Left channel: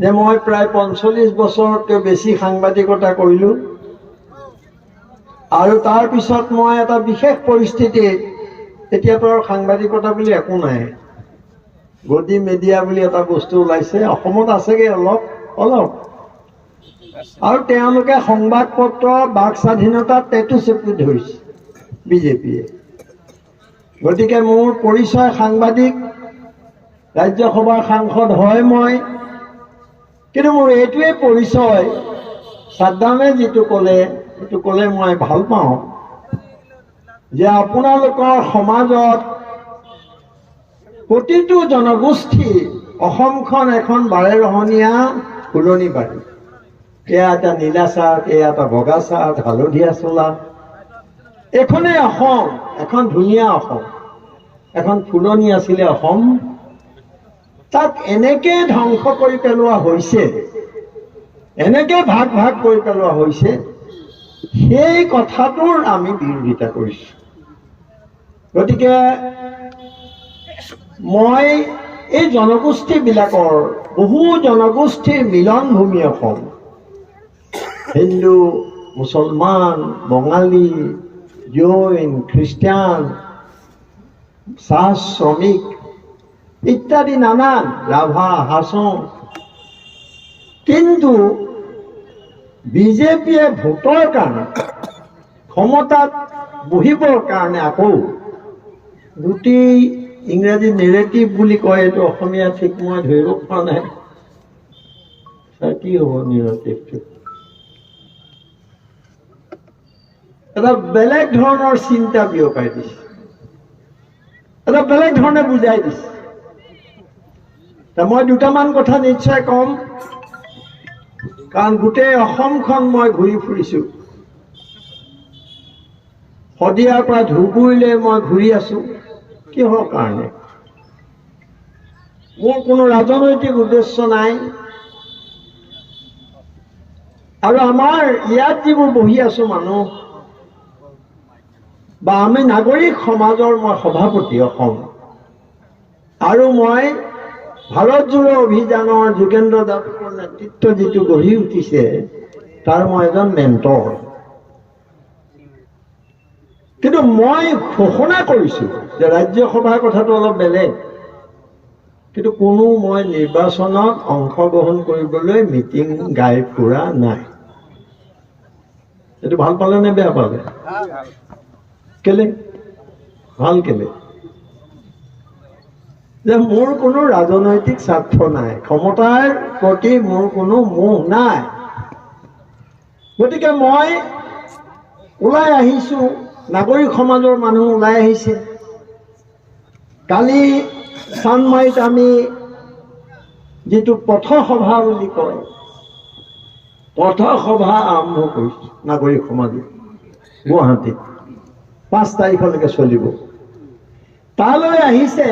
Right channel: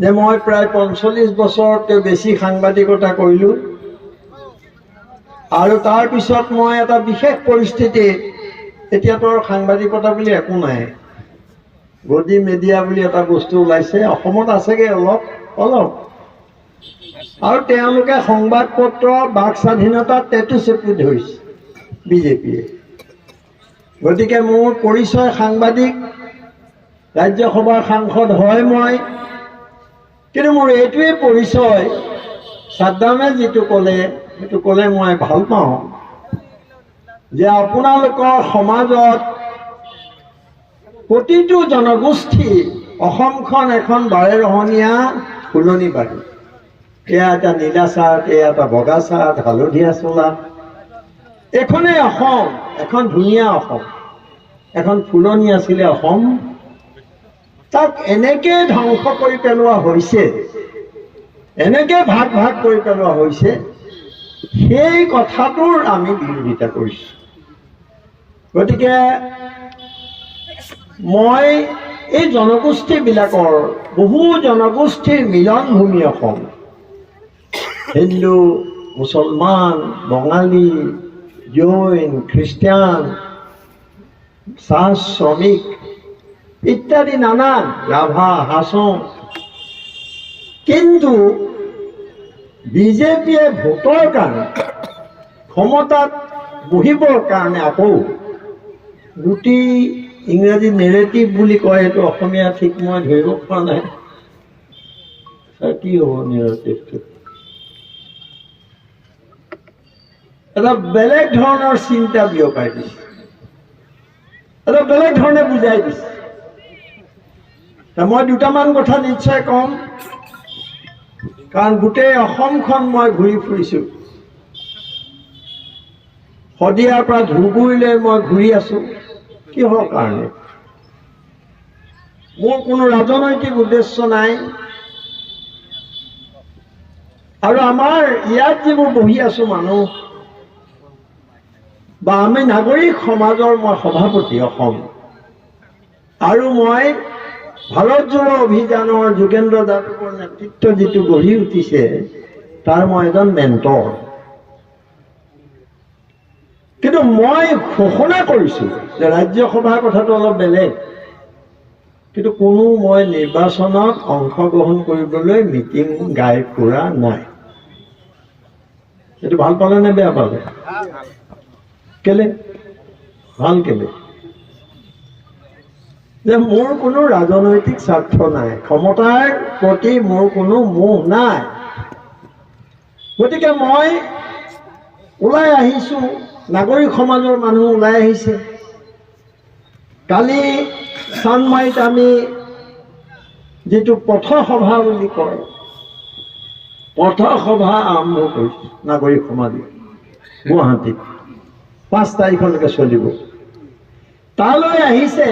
যে মই প্ৰায় 45 বছৰতকৈ বেছি সাংবাদিকতা কৰিলোঁ আৰু তাৰ পিছত মই এটা বিশেষ পৰিস্থিতিত এতিয়াতো আৰু সাংবাদিকতা বুলি একো নাই, গদি মিডিয়া বুলি এটা বস্তু ওলাইছে, অসমত আছেগৈ অলপ অলপ, আৰু তেওঁলোকে সংবাদ পত্ৰ বাক স্বাধীনতাত টেটু চেপি ধৰিছে বিজেপিয়ে। গতিকে মোৰ পৰিচয় সাংবাদিক, ৰাজ্যসভাৰ সাংসদ হয় মই, কিন্তু মোৰ এইটোৱে পৰিচয়, সাদ্দামে যিটো ক'লে সেইটো ক'লে মই ভাল পাওঁ, যে আপোনালোকৰ সমাজত প্ৰতিটো জনগোষ্ঠী অসমখন এখন বাৰেৰহণীয়া ফুলনি বাৰী, এয়া এটা নীলা চাৰ্ট, এয়া এটা বগা চাৰ্ট, হালধীয়া চোলা, এইখনেই অসম, এখন ধুনীয়া অসম, এখন ফুলনি আছিলে অসম, তাক এনেকৈ ধ্বংস কৰি পেলোৱা হৈছে, এনেকৈ ভাগ ভাগ কৰি পেলোৱা হৈছে, সেই কথাটোৰ আমি বিৰোধিতা কৰিছোঁ। গতিকে মই এই জনগোষ্ঠীবিলাকৰ, বহু জনগোষ্ঠীৰ মিলনভূমি অসম, হিন্দু, মুছলমান, বঙালী, জৈন, খ্ৰীষ্টিয়ান, চাহ শ্ৰমিক ইত্যাদি নানান, ৰাভা, হাছং, কিন্তু বিজেপিয়ে ভোটৰ কাৰণে, ক্ষমতাত বহিবৰ কাৰণে আকৌ গোটি ইংৰাজী নেৰেটিভ বুলি কয়, এইটো অসমীয়া ঠিক মই ধৰিব পৰা নাই, কি হ'ব নেৰেটিভটো, এটা বেলেগ ধৰণৰ চিন্তা বিয়পাই দিছে, এটা বেলেগ ধৰণে বুজাই দিছে। মই দুটামান কথা নিশ্চয় কম, কাৰণ গোটেই অসমখন মই ঘূৰি ফুৰিছোঁ, শদিয়াৰ পৰা ধুবুৰীলৈ মই ঘূৰি আছোঁ। কিহৰ কাৰণে? মোৰ কোনো ৰাজনৈতিক উদ্দেশ্য নাই, আৰু আমাৰ ইয়াত যিবোৰ বহি আছোঁ মানুহ, বা আমি নাগৰিক সমাজৰ মই সভাপতি অসম, আৰু মই ভাৰত জোড়ো অভিযানৰ যোগেন্দ্ৰ যাদৱৰ নেতৃত্ব যিটো গঢ়ি উঠিছে, তাৰ মই এজন মেণ্টৰ। কিন্তু মই ঘোষণা কৰিছোঁ যে ৰাজ্যসভাৰ কথাটো অলপ বেলেগ, কিন্তু কোনো মই নিৰ্বাচনত অংশগ্ৰহণ কৰিবলৈ মিটিং গাই ফুৰা নাই। এইটো ভাল পালে নে বেয়া পালে? কেলে ভাল? কেলে? যে মোৰ কোনো ৰাজনৈতিক স্বাৰ্থ নাই, ক্ষমতাৰ প্ৰতি মোৰ কোনো মোহ নাই। গতিকে মই ওলাই আহিছোঁ, নাগৰিক সমাজৰ মানুহ ওলাই আহিছে। কালি চানমাৰিত আমি যিটো পথসভা বুলি কয়, পথসভা আৰম্ভ কৰিছোঁ নাগৰিক সমাজে গুৱাহাটীত, 5 তাৰিখলৈকে চলিব। তালৈ আহিছে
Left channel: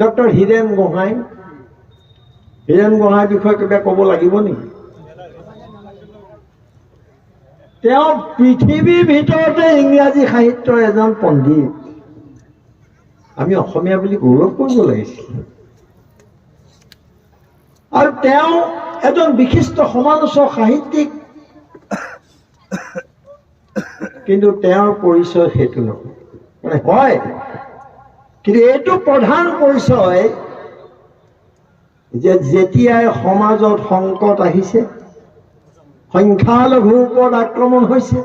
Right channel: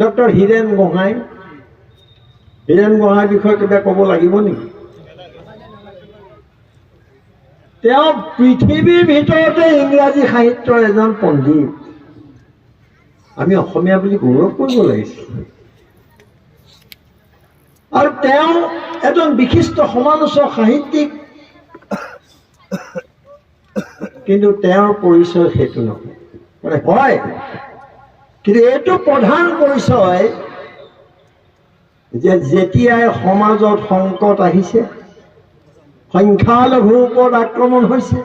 ডক্টৰ হীৰেণ গোহাঁই। হীৰেণ গোহাঁইৰ বিষয়ে কিবা ক'ব লাগিব নেকি? তেওঁ পৃথিৱীৰ ভিতৰতে ইংৰাজী সাহিত্যৰ এজন পণ্ডিত। আমি অসমীয়া বুলি গৌৰৱ কৰিব লাগিছিল। আৰু তেওঁ এজন বিশিষ্ট সমালোচক, সাহিত্যিক, কিন্তু তেওঁৰ পৰিচয় সেইটো নহয়, মানে হয়, কিন্তু এইটো প্ৰধান পৰিচয় যে যেতিয়াই সমাজত সংকট আহিছে, সংখ্যালঘুৰ ওপৰত আক্ৰমণ হৈছে,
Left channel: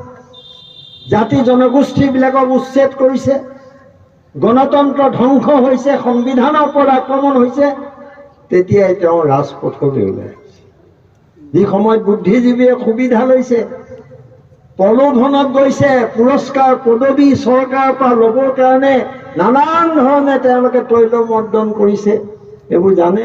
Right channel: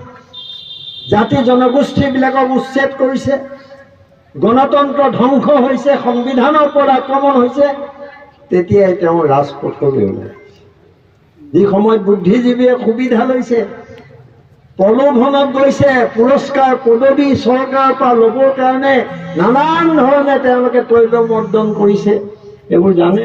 জাতি জনগোষ্ঠীবিলাকক উচ্ছেদ কৰিছে, গণতন্ত্ৰ ধ্বংস হৈছে, সংবিধানৰ ওপৰত আক্ৰমণ হৈছে, তেতিয়াই তেওঁ ৰাজপথলৈ ওলাই আহিছে। যি সময়ত বুদ্ধিজীৱীয়ে সুবিধা লৈছে, প্ৰলোভনত গৈছে, পুৰস্কাৰ পদবী চৰকাৰৰ পৰা ল'বৰ কাৰণে নানান ধৰণে তেওঁলোকে তৈলমৰ্দন কৰিছে, এইবোৰ জানে।